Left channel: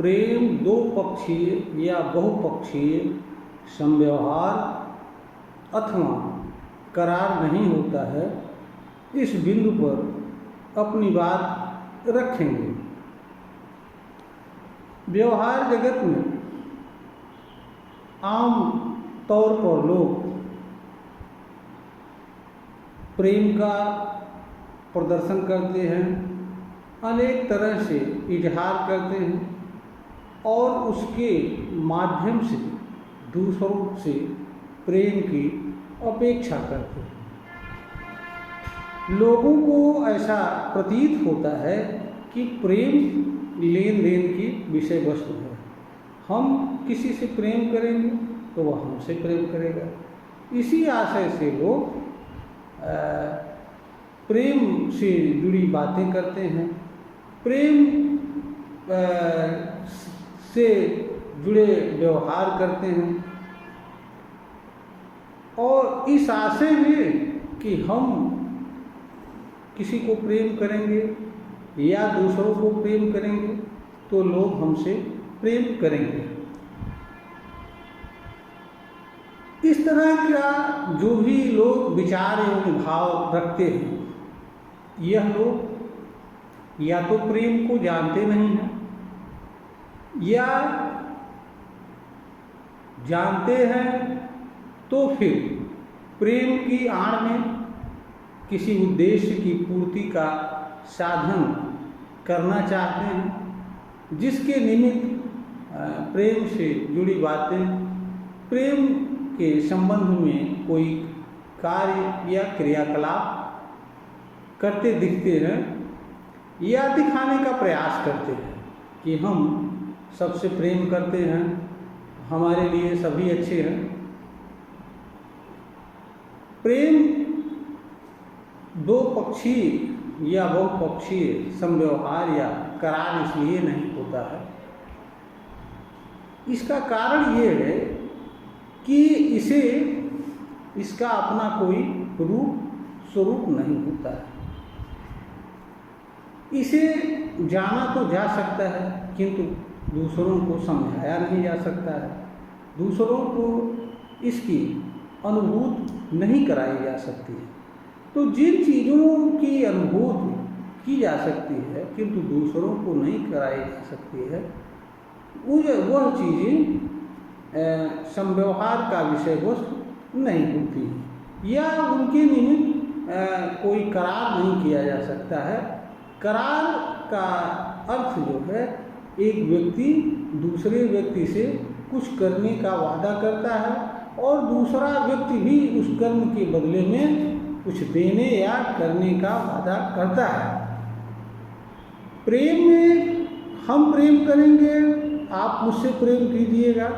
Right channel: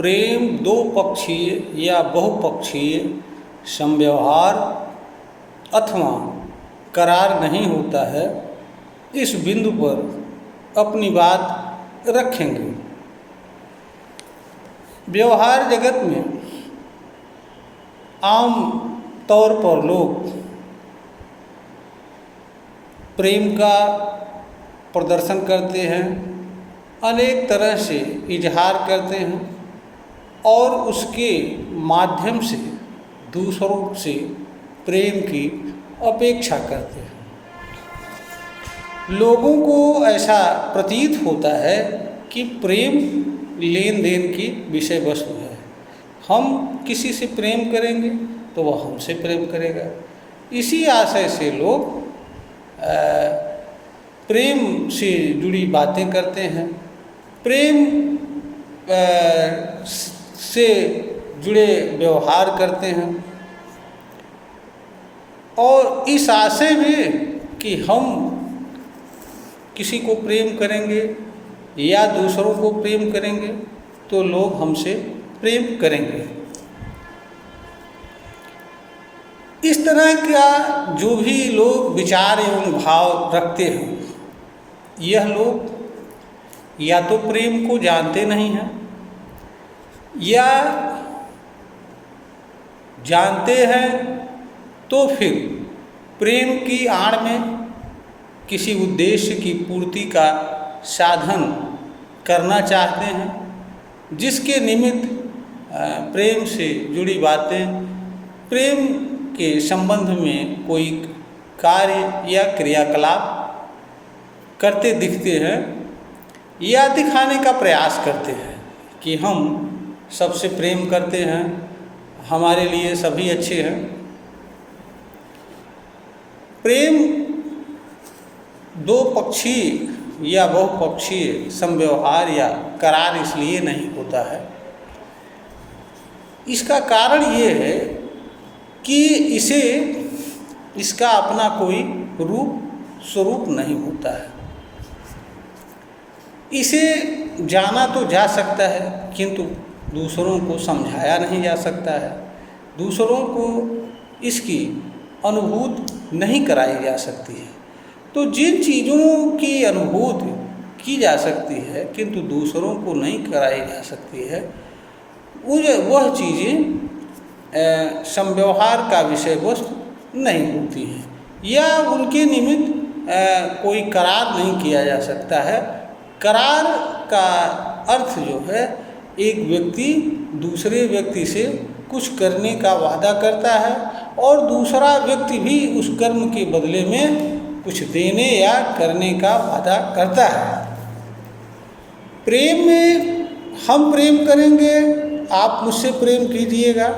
प्रेम दो पक्षीय या बहुपक्षीय समव्यवहार अथवा करार नहीं होता है, इस बिंदु पर अपनी बात रखेंगे। व्यवहार जगत में आम तौर पर लोग प्रेम का प्रदर्शन करते हैं, अनेक तरह से इजहार करते हैं और उसके माध्यम से दूसरों से प्रेम की अपेक्षा करते हैं। लोगों को ऐसा प्रतीत होता है कि प्रेम लेन देन की विषय वस्तु है। हम किसी से प्रेम करेंगे तो वह हमसे प्रेम करेगा। इसी आशय से लोग प्रेम से जुड़ी बातें करते हैं, प्रेम से जुड़े व्यवहार करते हैं और इस आशय में कि हम किसी को प्रेम करेंगे या दूसरों को प्रेम करेंगे तो लोग हमसे प्रेम करेंगे। इस तरह का जो भी लोग विचार एवं भाव रखते हैं, यह लोग या तो प्रेम को जानते नहीं हैं या जानते हैं तो फिर प्रेम की आड़ में किसी उद्देश्य की पूर्ति का साधन करना चाहते हैं, जिसके निमित्त प्रेम से जुड़ी बातें, प्रेम के संबंध में कोई कार्य या क्रियाकलाप करते दिखते हैं या दिखाने का प्रयास करते हैं कि हम सबसे प्रेम करते हैं, हमारे लिए सभी अच्छे हैं। प्रेम दो पक्षीय या बहुपक्षीय समव्यवहार या करार इसलिए नहीं होता है, इसका कारण ये है कि इसका अपना कोई रूप स्वरूप नहीं होता है। इसे जाना तो जा सकता है किंतु दूसरों को समझाया नहीं जा सकता है, दूसरों को इसकी अनुभूति नहीं कराई जा सकती है। तो जिन चीज़ों की अनुभूति की जा सकती है किंतु दूसरों को नहीं कराई जा सकती है, वह चीज़ें समव्यवहार का विषय वस्तु नहीं होती हैं या उनके निमित्त कोई करार नहीं किया जा सकता है। करार का अर्थ जो है, एक व्यक्ति दूसरे व्यक्ति से कुछ करने का वादा करता है और दूसरा व्यक्ति भी उस कर्म के बदले में कुछ देने या करने का वादा करता है। प्रेम में हम प्रेम करेंगे, आप मुझसे प्रेम कीजिएगा,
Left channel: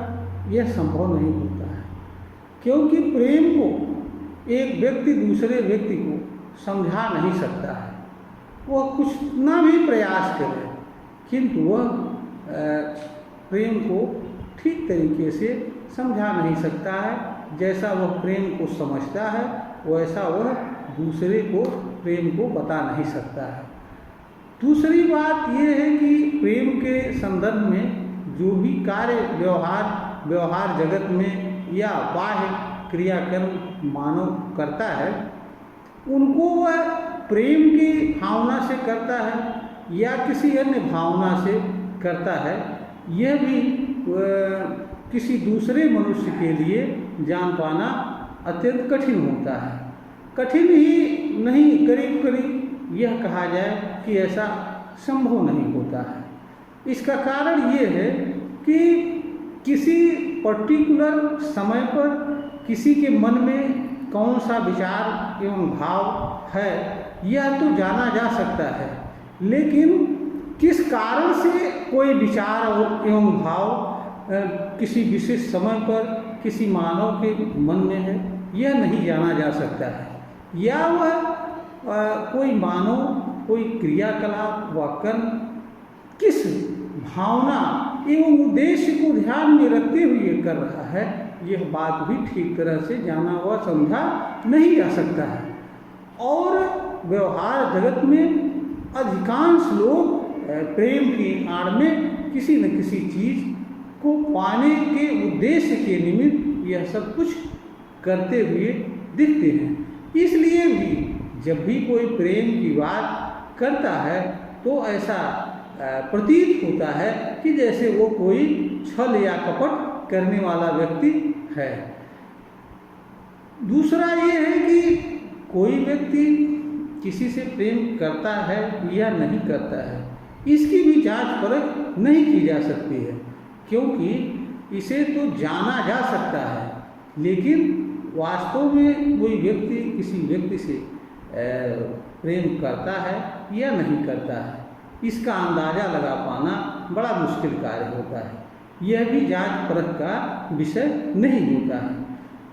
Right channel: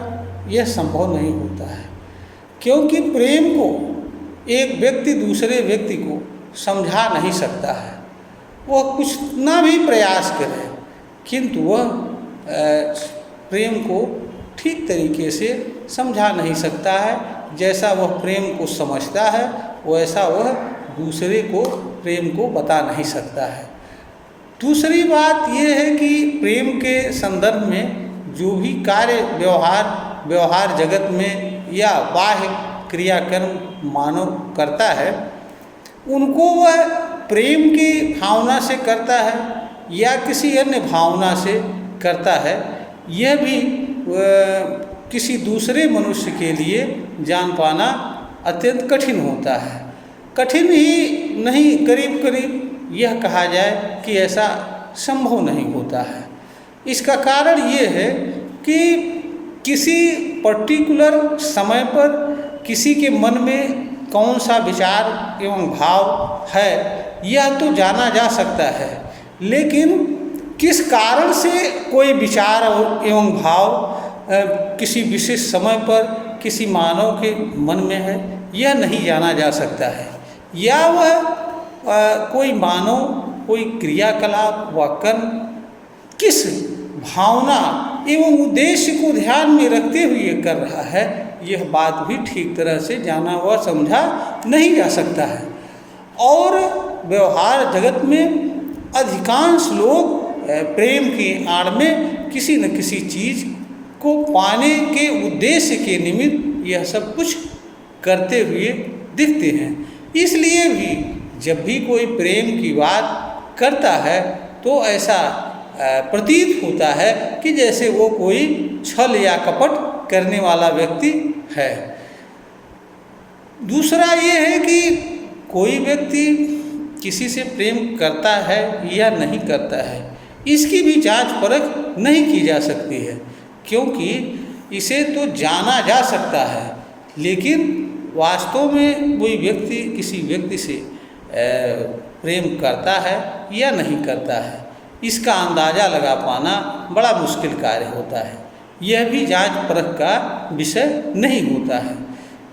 यह संभव नहीं होता है, क्योंकि प्रेम को एक व्यक्ति दूसरे व्यक्ति को समझा नहीं सकता है। वह कुछ ना भी प्रयास करे किंतु वह प्रेम को ठीक तरीके से समझा नहीं सकता है। जैसा वह प्रेम को समझता है वैसा वह दूसरे को प्रेम को बता नहीं सकता है। दूसरी बात यह है कि प्रेम के संदर्भ में जो भी कार्य व्यवहार जगत में या बाह्य क्रियाकर्म मानव करता है, उनको वह प्रेम की भावना से करता है या किसी अन्य भावना से करता है, यह भी किसी दूसरे मनुष्य के लिए जान पाना अत्यंत कठिन होता है। कठिन ही नहीं, करीब करीब यह कहा जाए कि ऐसा संभव नहीं होता है। इसका कारण ये है कि किसी पर्टिकुलर समय पर किसी के मन में कौन सा विचार एवं भाव है यह तो जाना जा सकता है, लेकिन किस कारण से कोई विचार एवं भाव किसी विशेष समय पर किसी मानव के मन में है यह नहीं जाना जा सकता है। या वह कोई मानव कोई क्रियाकलाप व कर्म किस भावना एवं उद्देश्य को ध्यान में रखते हुए कर रहा है, यह बात भी ठीक तरह से जाना व समझा नहीं जा सकता है। और व्यवहार जगत में अधिकांश लोग प्रेम की आड़ में किसी न किसी चीज़ को पाने के उद्देश्य के निमित्त यह सब कुछ करते हुए दिखते हैं। इसलिए भी जब भी कोई प्रेम की बात करता है तो ऐसा प्रतीत होता है कि जैसे वो कोई छल या कपट करने वाला व्यक्ति है। दूसरा ये है कि कोई व्यक्ति किसी से प्रेम करता है या नहीं करता है, इसकी भी जांच परख नहीं की जा सकती है, क्योंकि इसे तो जाना जा सकता है, लेकिन वास्तव में कोई व्यक्ति किसी व्यक्ति से प्रेम करता है या नहीं करता है, इसका अंदाज़ा लगा पाना बड़ा मुश्किल कार्य होता है। यह भी जांच परख का विषय नहीं होता है।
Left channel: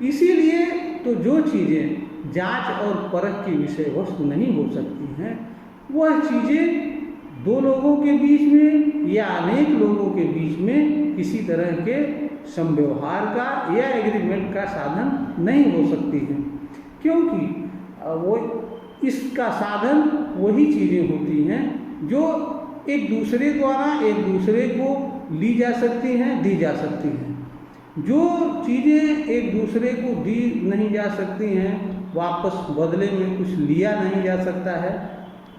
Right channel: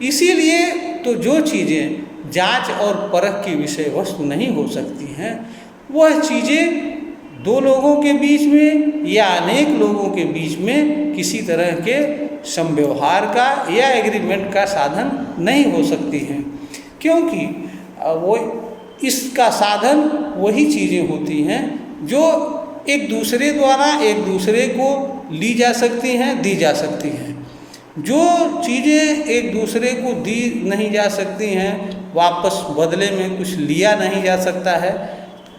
इसीलिए तो जो चीज़ें जांच और परख की विषय वस्तु नहीं हो सकती हैं, वह चीज़ें दो लोगों के बीच में या अनेक लोगों के बीच में किसी तरह के समव्यवहार का या एग्रीमेंट का साधन नहीं हो सकती हैं, क्योंकि वो इसका साधन वही चीज़ें होती हैं जो एक दूसरे द्वारा एक दूसरे को ली जा सकती हैं, दी जा सकती हैं। जो चीज़ें एक दूसरे को दी नहीं जा सकती हैं, वापस बदले में कुछ लिया नहीं जा सकता है,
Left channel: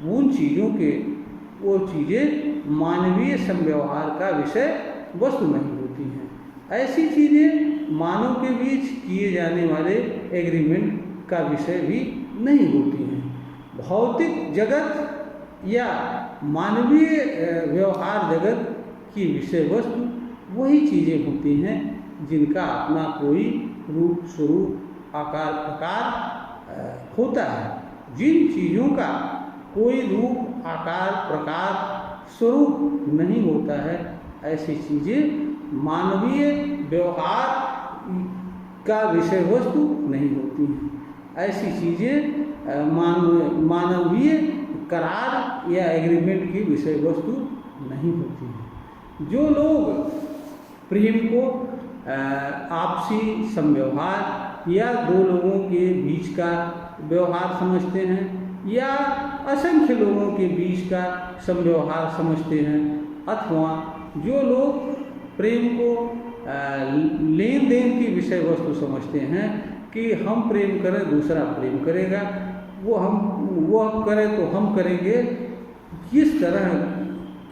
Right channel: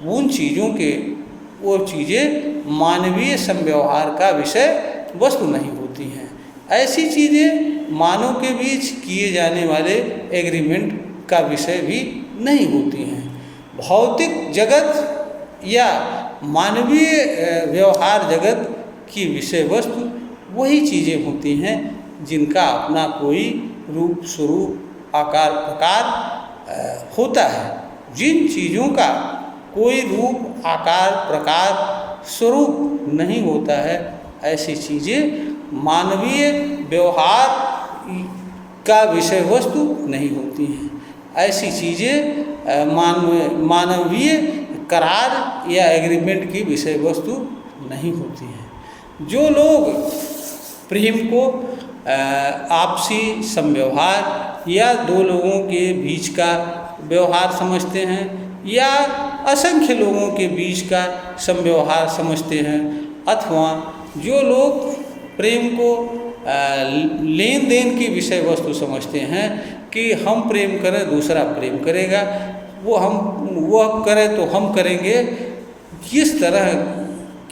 उन चीज़ों के वो चीज़ें मानवीय समव्यवहार का विषय वस्तु नहीं होती हैं। ऐसी चीज़ें मानव के बीच किए जाने वाले एग्रीमेंट का विषय भी नहीं होती हैं। भौतिक जगत या मानवीय व्यवहार जगत की विषय वस्तु वही चीज़ें होती हैं जिनका अपना कोई रूप स्वरूप आकार प्रकार होता है। जिन चीज़ों का कोई रूप आकार प्रकार स्वरूप नहीं होता है, ऐसी चीज़ें मानवीय व्यवहार का विषय वस्तु नहीं होती हैं। ऐसी चीज़ें मानवीय करार या एग्रीमेंट की विषय वस्तु नहीं होती हैं। जो लोग प्रेम को आपसी समव्यवहार या दो लोगों के बीच का व्यवहार समझते हैं या असंख्य लोगों के बीच का समव्यवहार समझते हैं, अथवा जो लोग प्रेम को लेन देन की विषय वस्तु समझते हैं कि हम प्रेम करें दूसरा प्रेम करेगा, वह करे तो हम करेंगे, किस तरह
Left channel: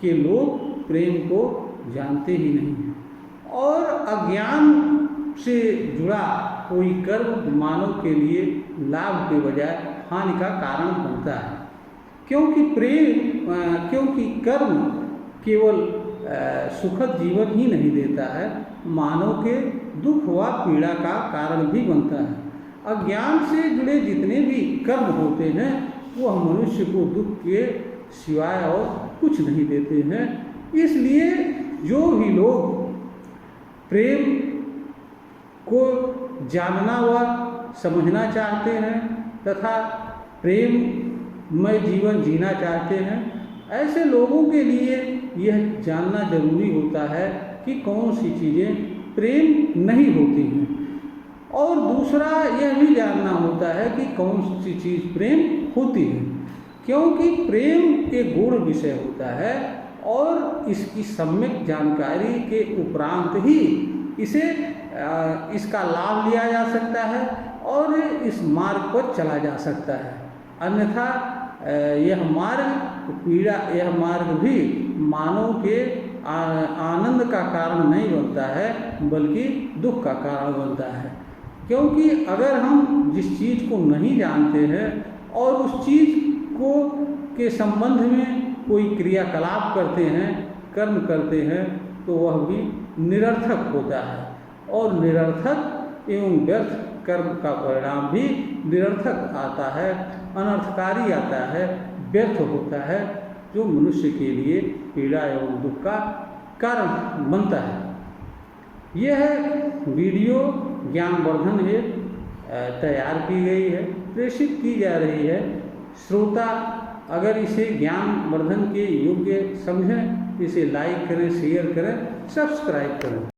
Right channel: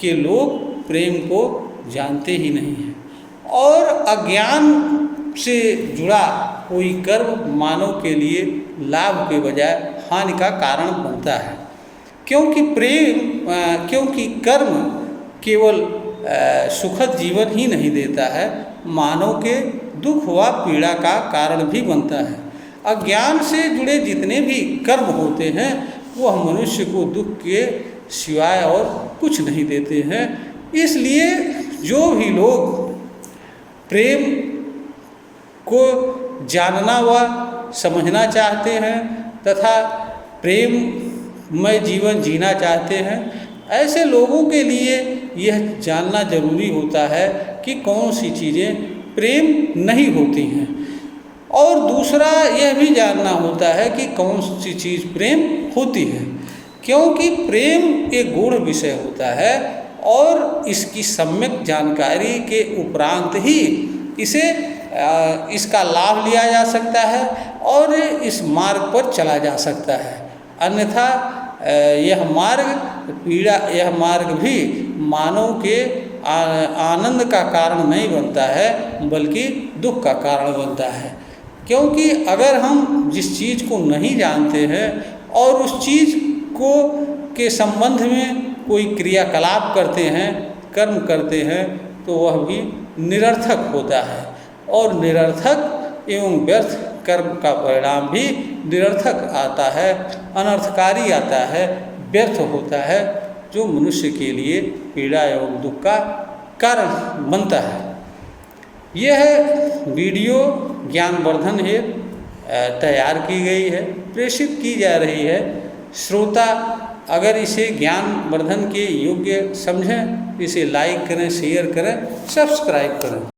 के लोग प्रेम को जानते ही नहीं हैं। और अज्ञान से जुड़ा कोई कर्म मानव के लिए लाभ के बजाय हानि का कारण बनता है, क्योंकि कर्म केवल सुखद जीवन ही नहीं देता है, मानव के दुख व पीड़ा का कारण भी बनता है। अज्ञान से जुड़े जितने भी कर्म होते हैं वह मनुष्य को दुख के सिवाय और कुछ नहीं देते हैं। इसलिए जो भी लोग प्रेम को जानना व समझना चाहते हैं तथा प्रेममय जीवन जीना चाहते हैं, ऐसे लोगों के लिए यह जानना जरूरी होता है कि कौन सी चीज़ें प्रेम नहीं होती हैं, और दूसरा यह भी जानना होता है कि कौन सी चीज़ प्रेम होती है, क्योंकि प्रेम एक गूढ़ विषय होता है और इसकी सम्यक जानकारी के उपरांत ही इसका लाभ लिया जा सकता है और इस मार्ग पर चला जा सकता है। अन्यथा यह मार्ग भी मानव के आनंद का कारण नहीं बनता है, बल्कि दुख का कारण बनता है। क्योंकि अगर हम जिस चीज़ को नहीं जानते हैं और उस चीज़ के संबंध में कोई क्रियाकलाप करते हैं, कर्म करते हैं, तो वह भी निरर्थक होता है, और निरर्थक एवं व्यर्थ कर्म का परिणाम भी निरर्थक आता है, अनर्थकारी आता है, व्यर्थ होता है, जो मनुष्य के लिए पीड़ा एवं दुख का कारण बनता है। यह वीडियो ज्ञानवर्धन हेतु तैयार की गई है, प्रेषित की जा रही है। श्रोता अगर इसे ज्ञानवर्धन के योग्य समझें, इसे लाइक करें, शेयर करें, सब्सक्राइब करें।